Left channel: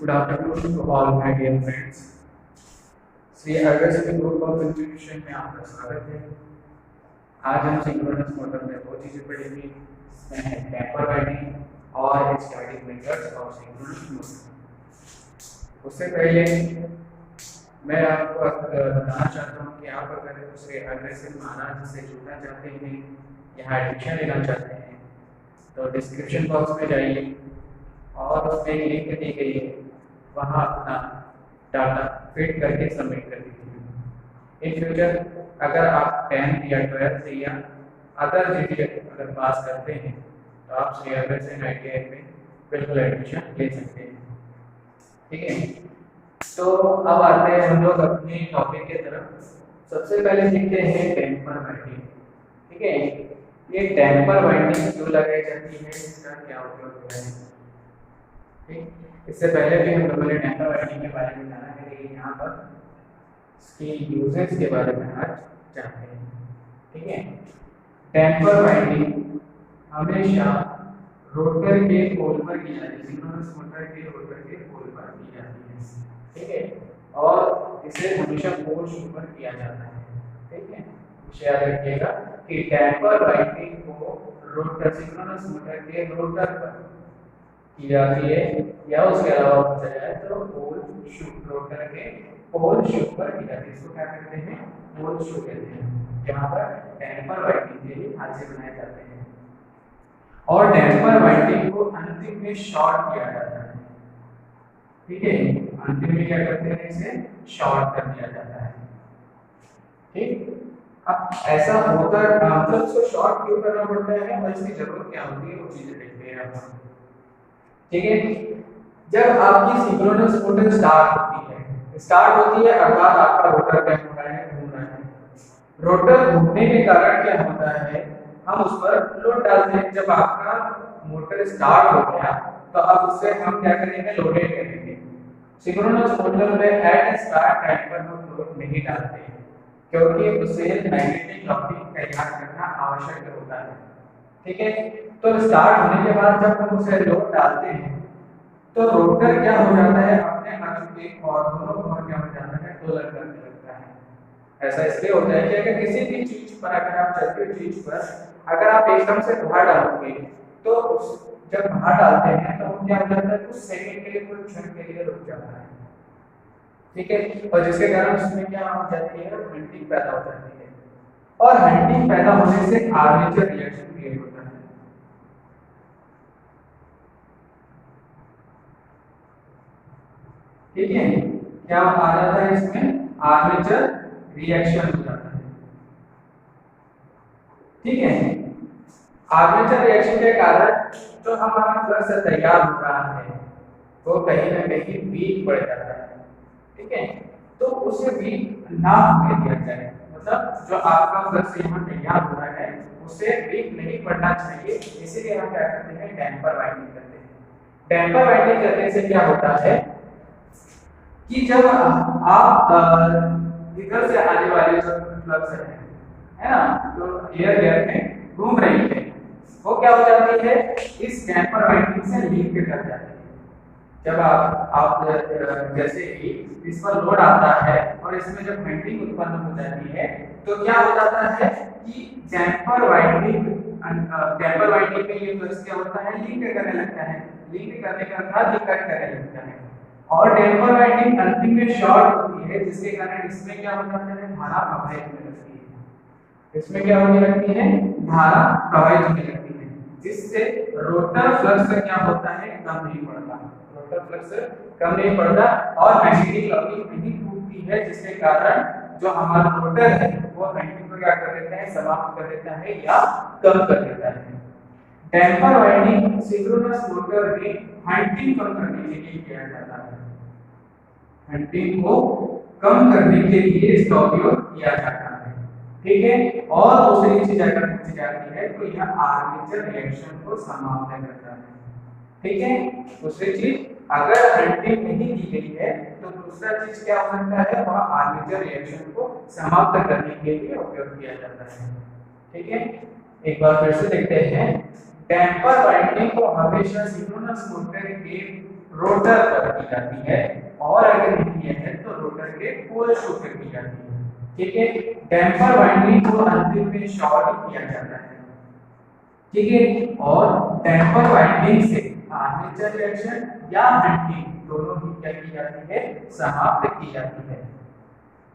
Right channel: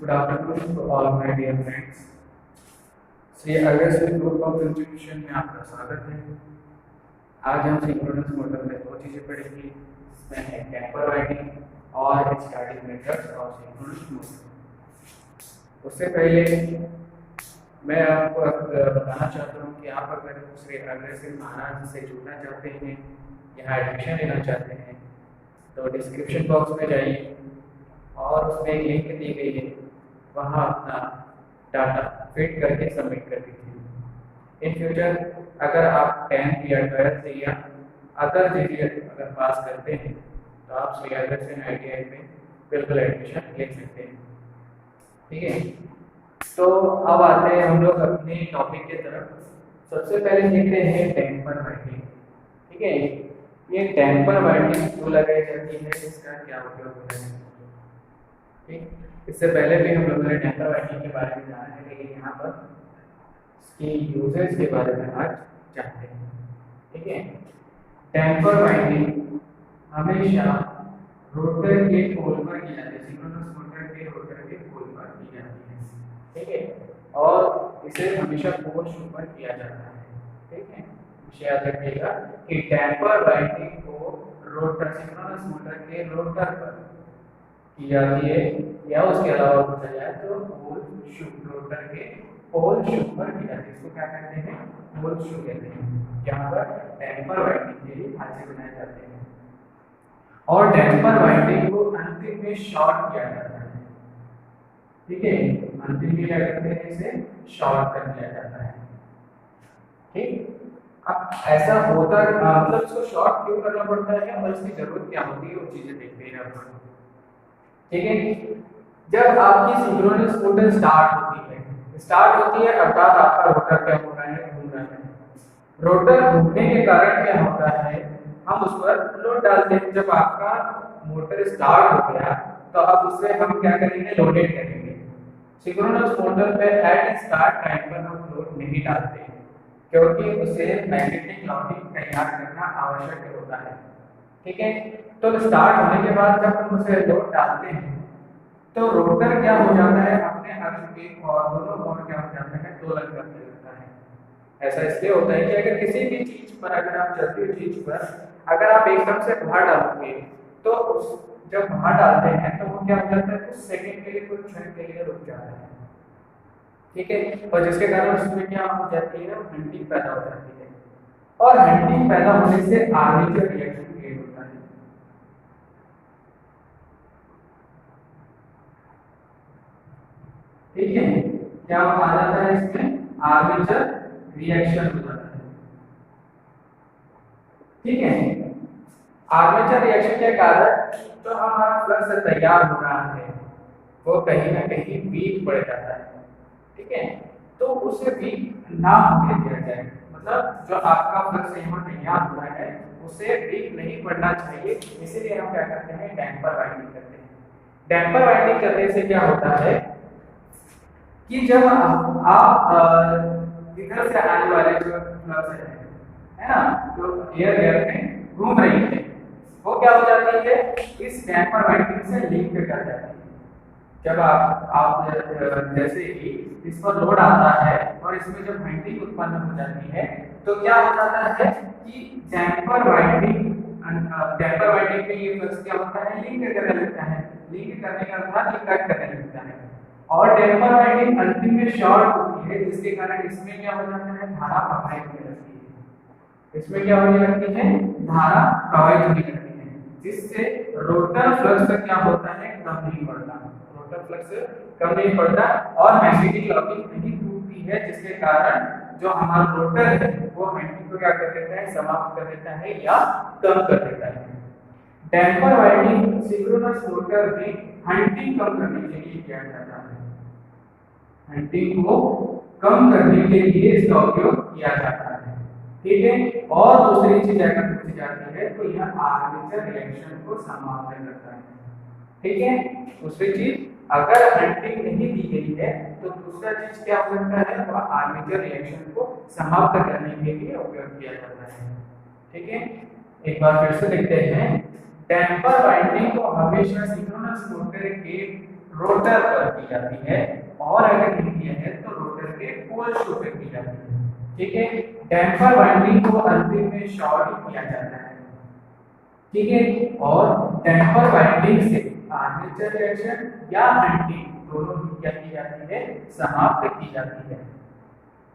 Good afternoon to all my dear friends. Shri August group of institution में आपका स्वागत है। आज हम सिंक्रोनस मोटर में दो चीजें पढ़ेंगे, इसमें है टेम्पर वाइंडिंग और starting methods of synchronous motor. उससे पहले मैं आपको बताना चाहता हूँ कि आप अगर श्री अग्रसेन महाराज से जुड़ना चाहते हैं या एडमिशन लेना चाहते हैं तो डिस्क्रिप्शन बॉक्स में जाइए और उसमें लिंक दी गई है, वहाँ अपना डाटा फिट करके सबमिट कर दीजिए। इन फ्यूचर अगर आप 10th या 12th या अदर चीजें अगर पास करते हैं तो आप श्री अग्रसेन ITI में बिल्कुल एडमिशन ले सकते हैं। ठीक है, तो अब आते हैं हम लोग अपने टॉपिक की तरफ। सबसे पहले देखते हैं टेम्पर वाइंडिंग। ठीक है, ये टेम्पर वाइंडिंग क्यों लगाई जाती है, इसका क्या उपयोग होता है। ठीक, इससे पहले भी हम लोगों ने टेम्पर वाइंडिंग के बारे में जाना है, लेकिन यहाँ पर इसकी यूजेस के बारे में आज जानते हैं। ठीक है, टेम्पर वाइंडिंग हमेशा रोटर के पोल पर की जाती है, सिंक्रोनस मोटर के रोटर के पोल पर की जाती है। ठीक है, और इसे हमेशा पोल पर किया जाता है। ठीक है, इसे याद रखिएगा कि टेम्पर वाइंडिंग को रोटर सिंक्रोनस मोटर के रोटर पर की जाती है, या उसके अलावा पूछा जाए तो पोल शू, रोटर के पोल शू पर की जाती है। इसको क्या कहते हैं, पोल शू कहते हैं, जहाँ पर टेम्पर वाइंडिंग के लिए ढांचे बनाए जाते हैं। और टेम्पर वाइंडिंग को अंतिम में शॉर्ट किया जाता है। ठीक है, अंतिम में क्या करते हैं, इसे शॉर्ट कर दिया जाता है। ठीक, अब ऐसा होता मतलब इसको शॉर्ट क्यों करना पड़ता है और इसकी जरूरत क्या होती है, वो चीजें देखते हैं अपन। ठीक है, जब आपकी सिंक्रोनस मोटर स्टार्ट होती है अर्थात आपका रोटर क्या हो रहा है, घूम रहा है। रोटर घूमने के कारण क्या होता है, हम उस पर लोड डालते हैं। जब आपका मोटर स्टार्ट हो गया तो अब उससे हम क्या करेंगे, लोडेड करेंगे। सिंक्रोनस मोटर पे एट स्टार्ट टाइम पर हम लोड नहीं डालते हैं, क्योंकि उसे मैग्नेटिक लॉकिंग तैयार करना आवश्यक होता है। ठीक है, तो स्टार्ट होने के बाद जब हम उसे लोड डालते हैं तो रोटर क्या हो जाता है, अपने अक्ष के और दोनों ओर क्या हो जाता है, दोलन करने लगता है। ऐसा इसलिए होता है कि अगर किसी भी चीज पर, अगर आप चलती हुई चीज पर अगर आप एकदम से भार डालोगे तो उस जब भार डालते हैं तो वो क्या हो जाता है, कुछ सेकंड के लिए, कुछ क्षण के लिए रुक जाता है। ठीक है, और जिसके कारण उसमें क्या हो जाती है, हंटिंग पैदा हो जाती है, और हंटिंग पैदा होने से आर्मेचर रिएक्शन क्रिएट होता है। ठीक है, क्या आ जाता है, इसमें आर्मेचर रिएक्शन हो जाता है। ठीक है, आर्मेचर रिएक्शन के कारण जो हमारा फ्लक्स तैयार हो रहा है वो कहीं ना कहीं वीक पड़ जाता है। ठीक है, तो उसे वीक ना होने दिया जाए, मतलब जो आपका फ्लक्स यहाँ तैयार हो रहा है उसे वीक नहीं पड़ना चाहिए, इसीलिए हम क्या करते हैं, डैम्पर वाइंडिंग करते हैं। डैम्पर वाइंडिंग करने से क्या होता है कि जब आप इधर से आने वाले जो फ्लक्स है ना, जो एयर गैप में घूम रही है, वो क्या हो जाती है, इस डैम्पर वाइंडिंग से लिंक कर जाती है। जब आप जैसे ही इस पर लोड आता है और इसमें जब वाइंडिंग उत्पन्न हो जाती है तो क्या हो जाता है कि डैम्पर वाइंडिंग में ये फ्लक्स क्या होता है, लिंक करने लगता है। लिंक करने का अर्थात ये कट करने लगता है, और टेम्पर वाइंडिंग अंतिम में शॉर्ट होती है, जिसके कारण इसमें क्या हो जाता है, धारा प्रवाहित होने लगती है। इसमें क्या होने लगती है, धारा प्रवाहित होने लगती है, जिससे रोटर फ्लक्स क्या होता है, कम नहीं पड़ता। रोटर फ्लक्स कम नहीं पड़ता और मैग्नेटिक लॉकिंग नहीं टूटती है, जिसके कारण जो हमारा रोटर है वो हंटिंग को क्या कर देता है, समाप्त कर देता है या कम कर देता है। डैम्पर वाइंडिंग सिंक्रोनस मोटर में हंटिंग कम करने के लिए किया जाता है। हंटिंग को कम करने के लिए इसका उपयोग किया जाता है। ठीक है, और दूसरी चीज अगर पूछी जाती है तो यह आर्मेचर रिएक्शन को समाप्त करता है। ठीक है, दूसरी चीज अगर हंटिंग नहीं दी गई है तो दूसरा चीज क्या हो सकता है, वह आर्मेचर रिएक्शन को समाप्त करने के लिए उपयोग किया जाता है। ठीक है, एक बार फिर से देखते हैं, डैम्पर वाइंडिंग को हमेशा सिंक्रोनस मोटर के रोटर पर की जाती है, और अगर नहीं है तो रोटर के पोल शू पर की जाती है। ठीक है, डैम्पर वाइंडिंग को अंतिम में शॉर्ट किया जाता है। ठीक है, और डैम्पर वाइंडिंग से आर्मेचर रिएक्शन या हंटिंग दोनों ही क्या की जाती है, समाप्त की जाती है।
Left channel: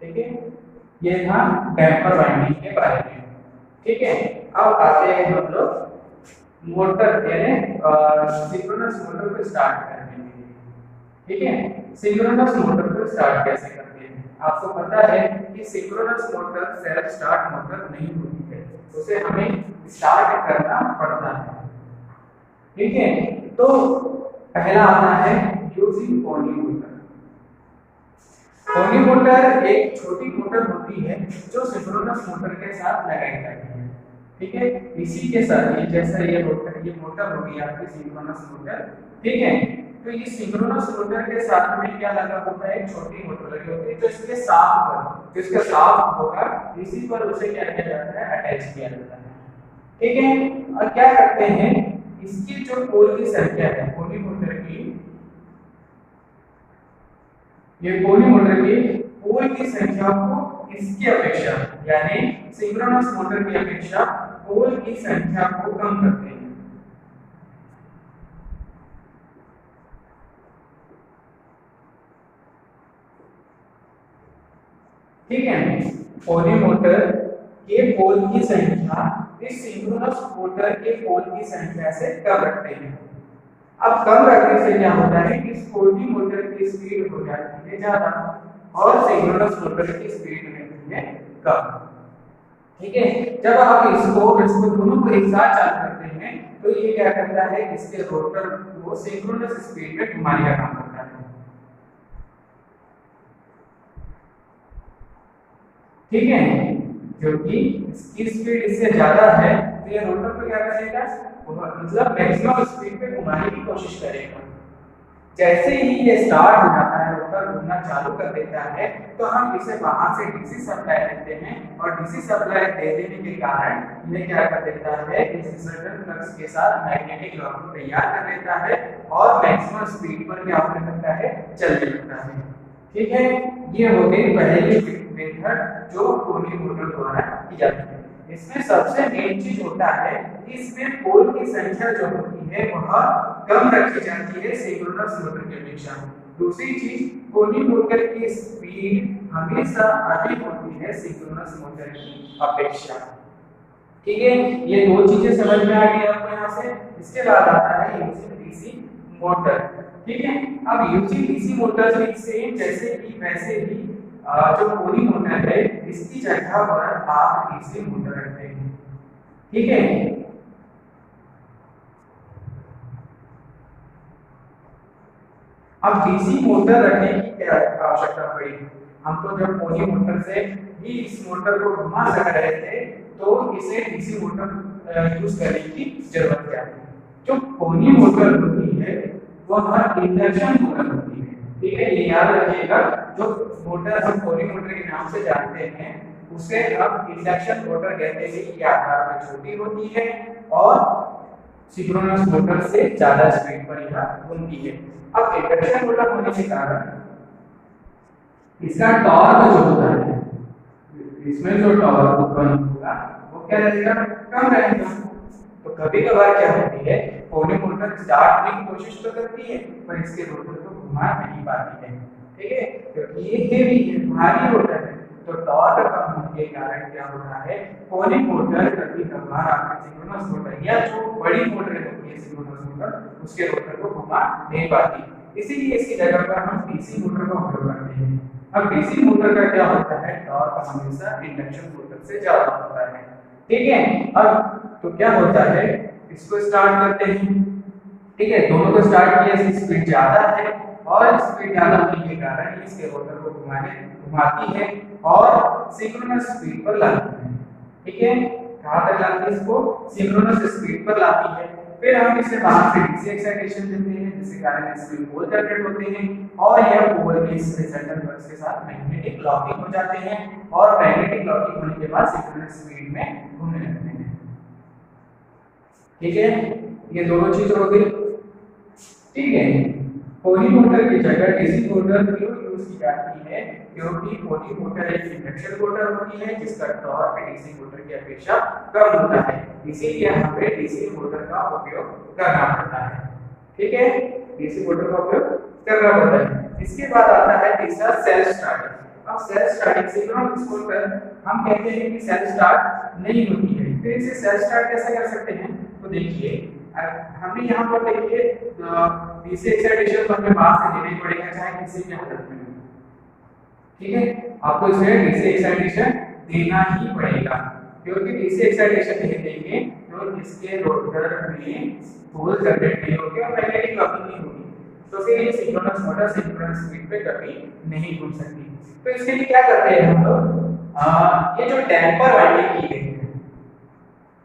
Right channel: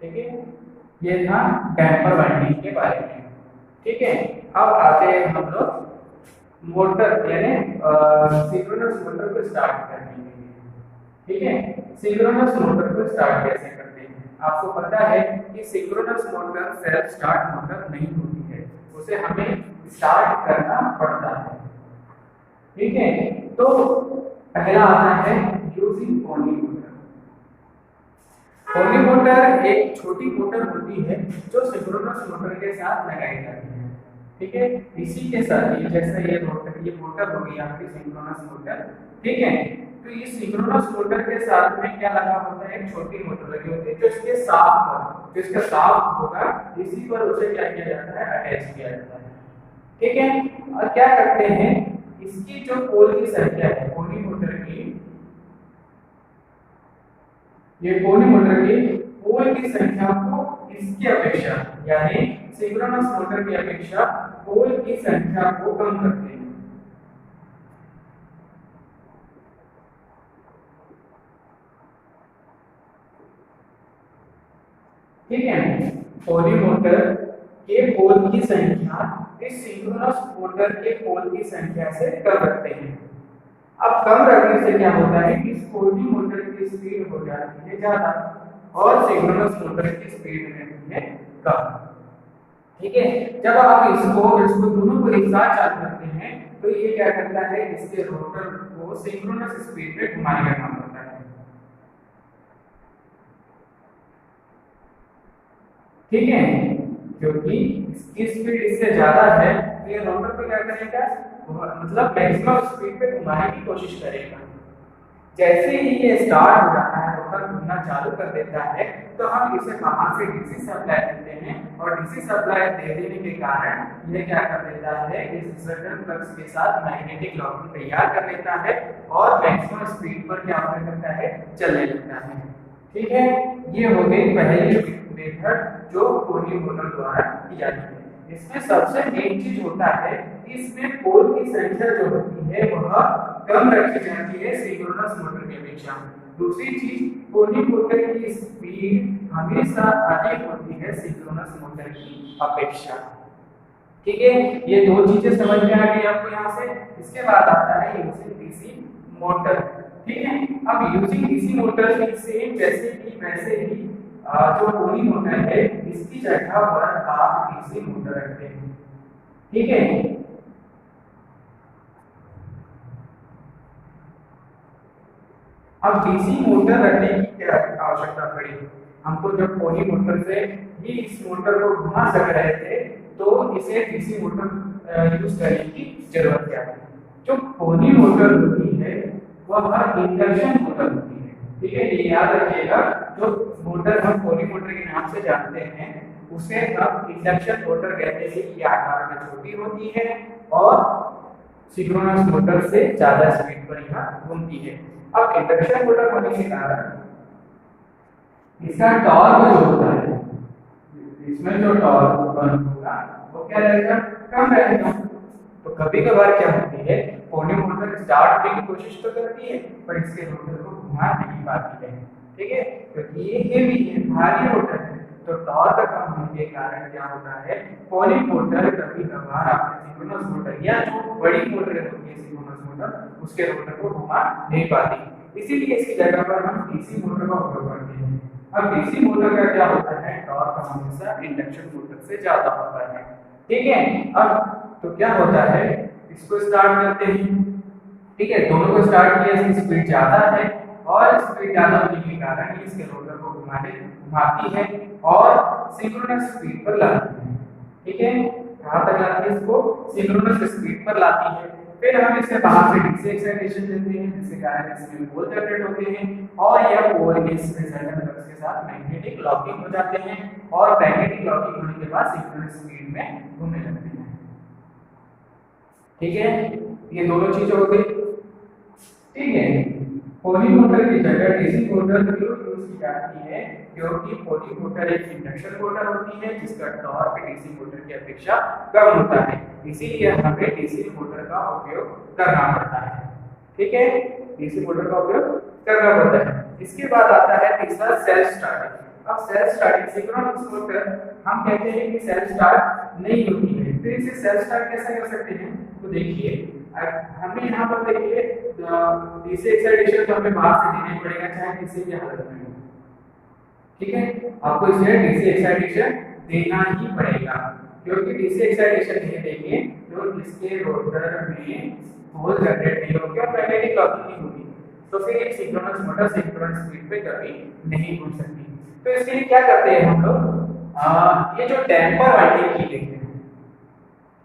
ठीक है, ये था डैम्पर वाइंडिंग के बारे में। ठीक है, अब आते हैं हम लोग मोटर यानी सिंक्रोनस मोटर को स्टार्ट करने के लिए। ठीक है, सिंक्रोनस मोटर को स्टार्ट कैसे करते हैं? आपको पता है कि synchronous motor self start motor नहीं होती है, उसे हमें स्टार्ट करना पड़ता है। ठीक है, तो पहला आता है using pony motor. Pony motor एक छोटी मोटर होती है जो सिंक्रोनस मोटर के साथ लगाई जाती है। ठीक है, इसी के साथ ये जैसा ये मोटर हो गई आपकी सिंक्रोनस मोटर। ठीक है, तो ये सिंक्रोनस मोटर के साथ में क्या लगा होता है, एक छोटी मोटर लगी होती है जो इसके साफ पर, जो इसका साफ होगा इसी पर उसे क्या किया जाता है, अटैच किया जाता है। ठीक है, और क्या करते हैं, इसकी जो पोल की संख्या है पोनी मोटर की, ये पोनी मोटर की पोल की संख्या को इसकी अपेक्षा यानी सिंक्रोनस मोटर की अपेक्षा पोल की संख्या को कम करते हैं। ठीक है, पोनी मोटर के पोल की संख्या इस सिंक्रोनस मोटर के पोल की संख्या से कम रखते हैं। अब कम रखने से क्या होता है कि पोनी मोटर की स्पीड हो जाती है ज्यादा और सिंक्रोनस मोटर की स्पीड रहती है कम। ठीक है, जब आप इसको दोनों को एक साथ चालू करते हैं तो ये क्या करता है, इसके रोटर को सिंक्रोनस स्पीड में घुमाने का काम करता है। ठीक है, क्योंकि इसकी स्पीड इससे ज्यादा है तो ये रोटर को क्या करेगा, मतलब मैक्सिमम स्पीड पे घुमाने की कोशिश करेगा। जैसे ही ये स्टार्ट हो जाता है, रोटर घूमना चालू कर देता है, तो हम इसे बाहर से डीसी सप्लाई देते हैं और डीसी सप्लाई दे देने के कारण ये क्या कर देता है, इस रिजल्टेंट फ्लक्स के साथ मैग्नेटिक लॉकिंग तैयार कर लेता है और मैक्सिमम स्पीड पर क्या करता है, चलने लगता है। ठीक है, ये हो गई पहली मेथड जो पोनी मोटर द्वारा की जाती है। इसमें सबसे मेन चीज होता है कि इसमें पोल की संख्या जो होती है वह कम रखी जाती है सिंक्रोनस मोटर की अपेक्षा। दूसरी चीज, पोनी मोटर की स्पीड हमेशा अधिक होती है सिंक्रोनस मोटर की अपेक्षा। ठीक है, ये दो चीजें समझ में आ गई आपको यहाँ से। इसके बाद आता है यूजिंग डीसी मोटर। ठीक है, अब यूजिंग डीसी मोटर में सेम जैसे कि वैसे ही जो पोनी मोटर है इसकी जगह पर आप डीसी मोटर रखते हैं। ठीक है, अब डीसी मोटर रखने की क्या आवश्यकता पड़ी, हम तो जब पोनी मोटर से ही इस मोटर को घुमा सक रहे थे तो इसे डीसी मोटर यूज करने की जरूरत क्या है। जो पोनी मोटर होती है वह इंडक्शन मोटर होती है। ठीक है, ये याद रखिएगा, जो मोटर हम पोनी मोटर के नाम से जानते हैं उसे हम इंडक्शन मोटर कहते हैं। ये आकार में छोटी होती है और सिंक्रोनस मोटर से ज्यादा स्पीड पर यह घूमती है। अब इंडक्शन मोटर होने के कारण इसका टॉर्क जो होता है, इसमें जो टॉर्क उत्पन्न होगा वो क्या रहेगा, कम रहेगा। तो कभी कभार क्या होती है, पोनी मोटर स्टार्ट होने की कोशिश तो करती है पर इसके रोटर को घुमा नहीं पाती है। ठीक है, क्योंकि ये हेवी है, भारी मोटर है, तो टॉर्क कम होने के कारण क्या होता है, पोनी मोटर कभी कभार आपके सिंक्रोनस मोटर या जो बड़ी मोटर होती है सिंक्रोनस मोटर उसके रोटर को घुमा नहीं पाती। इसीलिए इसकी जगह पर हम डीसी मोटर का उपयोग करते हैं। अब डीसी मोटर का क्या होता है, टॉर्क हमेशा इंडक्शन मोटर से ज्यादा होता है। ठीक है, अब तो क्या होता है, इसको स्टार्ट करते हैं। ठीक है, दोनों को स्टार्ट किया, इसकी स्पीड ज्यादा है और स्पीड ज्यादा होने के कारण इसके रोटर को घुमाती है और सिंक्रोनस स्पीड पर लाती है। ठीक है, कहां तक लाती है, इसको सिंक्रोनस स्पीड पर लाती है। फिर हम इसे बाहर से डीसी एक्साइटेशन देते हैं जिसके कारण इसमें पोल जनरेट होते हैं और यह पोल इस रिजल्टेंट फ्लक्स के साथ मैग्नेटिक लॉकिंग हो जाते हैं और मैग्नेटिक लॉकिंग होने के बाद सिंक्रोनस स्पीड में घूमने लगते हैं। ठीक है, ये दोनों चीज हो गई। ठीक है, पोली मोटर की जगह डीसी मोटर क्यों यूज की जाती है? क्योंकि पोली मोटर एक इंडक्शन मोटर होती है जिसका टॉर्क डीसी मोटर की अपेक्षा कम होता है, इसीलिए हमें डीसी मोटर का उपयोग करना पड़ता है। ठीक है, डीसी मोटर का उपयोग करना पड़ता है। इसके बाद आता है तीसरा सेल्फ स्टार्टिंग। अब सेल्फ स्टार्टिंग सिंक्रोनस मोटर हम कहते हैं कि सेल्फ स्टार्ट नहीं होती है, फिर इसे सेल्फ स्टार्ट कैसे कर सकते हैं? तो देखिए हमें यहाँ पर देखिए डीसी एक्साइटेशन तो हमें बाहर से देना ही पड़ेगा चाहे किसी भी हालत में हो। ठीक है, आपको इसे डीसी एक्साइटेशन देना ही पड़ेगा, क्योंकि डीसी एक्साइटेशन नहीं देंगे तो इसके रोटर में पोल जनरेट नहीं होगी और मैग्नेटिक लॉकिंग नहीं होगी, तो फिर ये सिंक्रोनस मोटर सिंक्रोनस स्पीड पे कभी नहीं घूम सकती। तो इसके लिए क्या करते हैं हम लोग, ये जो डैम्पर वाइंडिंग की गई है,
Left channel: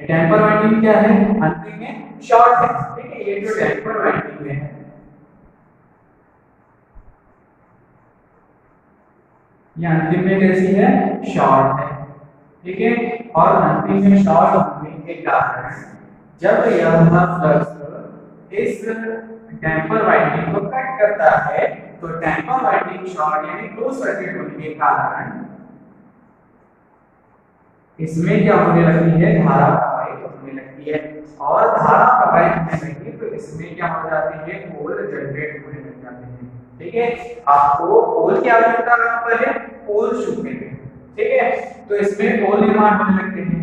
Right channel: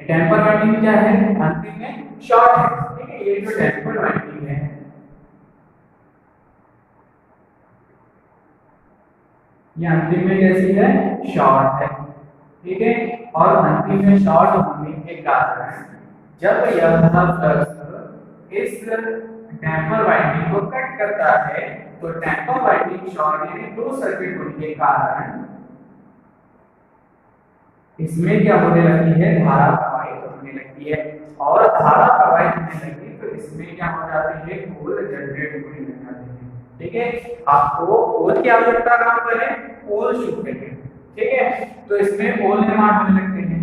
डैम्पर वाइंडिंग क्या है? अंतिम में शॉर्ट है। ठीक है, ये जो डैम्पर वाइंडिंग है ये अंतिम में कैसी है? शॉर्ट है। ठीक है, और अंतिम में शॉर्ट होने के कारण जब यह फ्लक्स इस डैम्पर वाइंडिंग को कट करता है तो डैम्पर वाइंडिंग शॉर्ट यानी क्लोज सर्किट होने के कारण इसमें क्या होने लगती है? धारा प्रवाहित होने लगती है, और धारा प्रवाहित होने लगती तो इसमें क्या हो जाती है? पोल जनरेट होने लग जाते हैं। ठीक है, आपको पोल की आवश्यकता कहां पर है? पोल शुरू में है। ठीक है, तो इसमें पोल निर्माण होने लगते हैं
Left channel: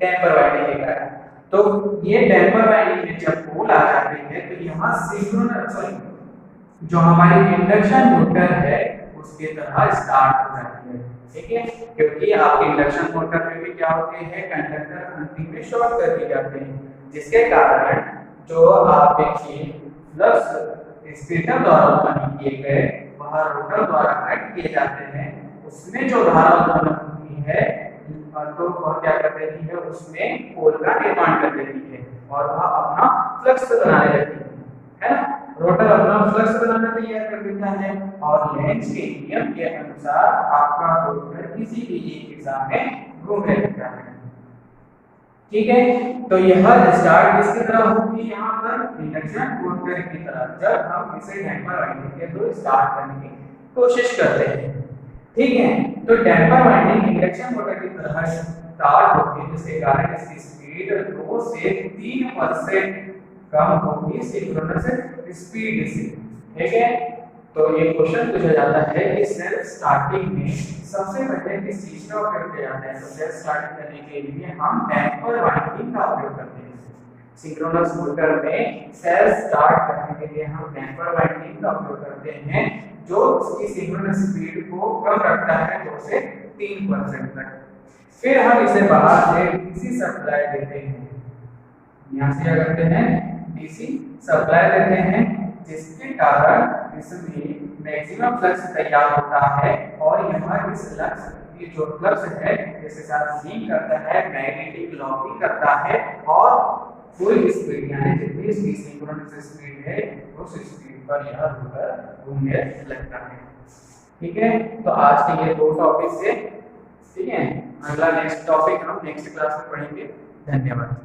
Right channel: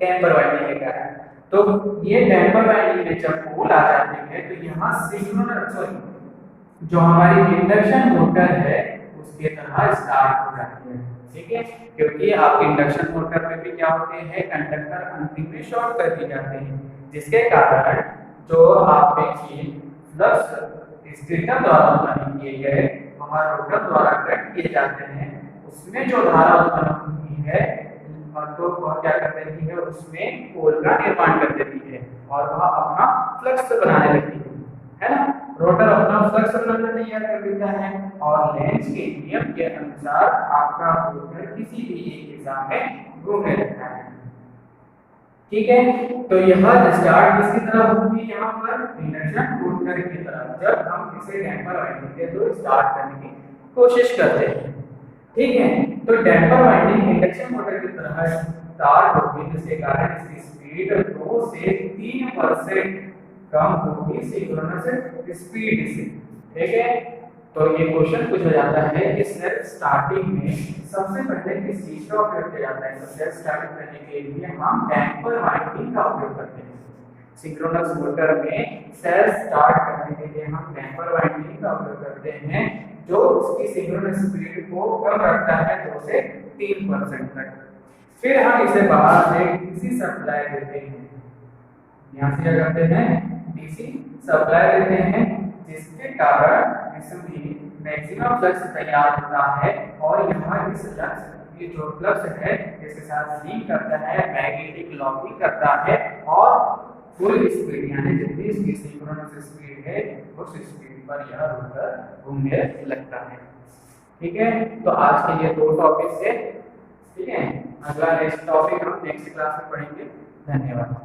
डैम्पर वाइंडिंग के कारण। तो ये डैम्पर वाइंडिंग में जब पोल आ जाते हैं तो यहाँ सिंक्रोनस जो हमारी इंडक्शन मोटर है उसके तरह स्टार्ट हो जाती है। ठीक है, क्योंकि आपके इंडक्शन मोटर में भी क्या होते हैं? कंडक्टर अंतिम में शॉर्ट कर दिए जाते हैं, जिसके कारण जो आपके फ्लक्स स्टेटर द्वारा उत्पन्न किए गए वह रोटर द्वारा कट किए जाते हैं। उसमें जो धारा उत्पन्न होती है तो वह क्या कर देती है? उसमें पोल का निर्माण कर देती है और वह अपना फ्लक्स बनाने लगती है ना? रोटर अपना फ्लक्स बनाना तैयार कर देता है और लेंज के नियम के अनुसार आपका रोटर किसी भी एक दिशा में घूमने लगता है। ठीक है, तो यह स्टार्ट किसकी तरह होगी? यहाँ पर इंडक्शन मोटर की तरह। जब हम इसे डैम्पर वाइंडिंग के तो स्टार्ट करने की कोशिश करते हैं। ठीक है, तो डैम्पर वाइंडिंग इंडक्शन मोटर की तरह स्टार्ट होगी, जिसके कारण इसकी स्पीड 2 से 3% कम होगी सिंक्रोनस स्पीड से। ठीक है, तो ये क्वेश्चन पूछा जाता है कि सेल्फ स्टार्टिंग में सबसे पहले किस चीज का उपयोग किया जाता है? तो सेल्फ स्टार्टिंग करने के लिए हम डैम्पर वाइंडिंग का उपयोग करते हैं। सिंक्रोनस मोटर में सेल्फ स्टार्ट करने के लिए हम डैम्पर वाइंडिंग का उपयोग करते हैं, जो उसकी सिंक्रोनस स्पीड को कम रखता है 2 से 3% तक। फिर हम इसे बाहर से डीसी सप्लाई देते हैं। यहाँ से क्या करते हैं? डीसी सप्लाई देते हैं, जिसके कारण इसमें मैक्सिमम फ्लक्स तैयार होता है और यहाँ इस फ्लक्स ये जो फ्लक्स है इसके साथ लिंक करता है, मैग्नेटिक लॉकिंग करता है और फुल स्पीड यानी जितनी इसकी सिंक्रोनस स्पीड है उस स्पीड पर यह रोटर घूमने लगता है। ठीक है, तो आज के लिए 2 टॉपिक है। ठीक है, अगला नेक्स्ट टॉपिक हम नेक्स्ट क्लास में पढ़ेंगे। धन्यवाद।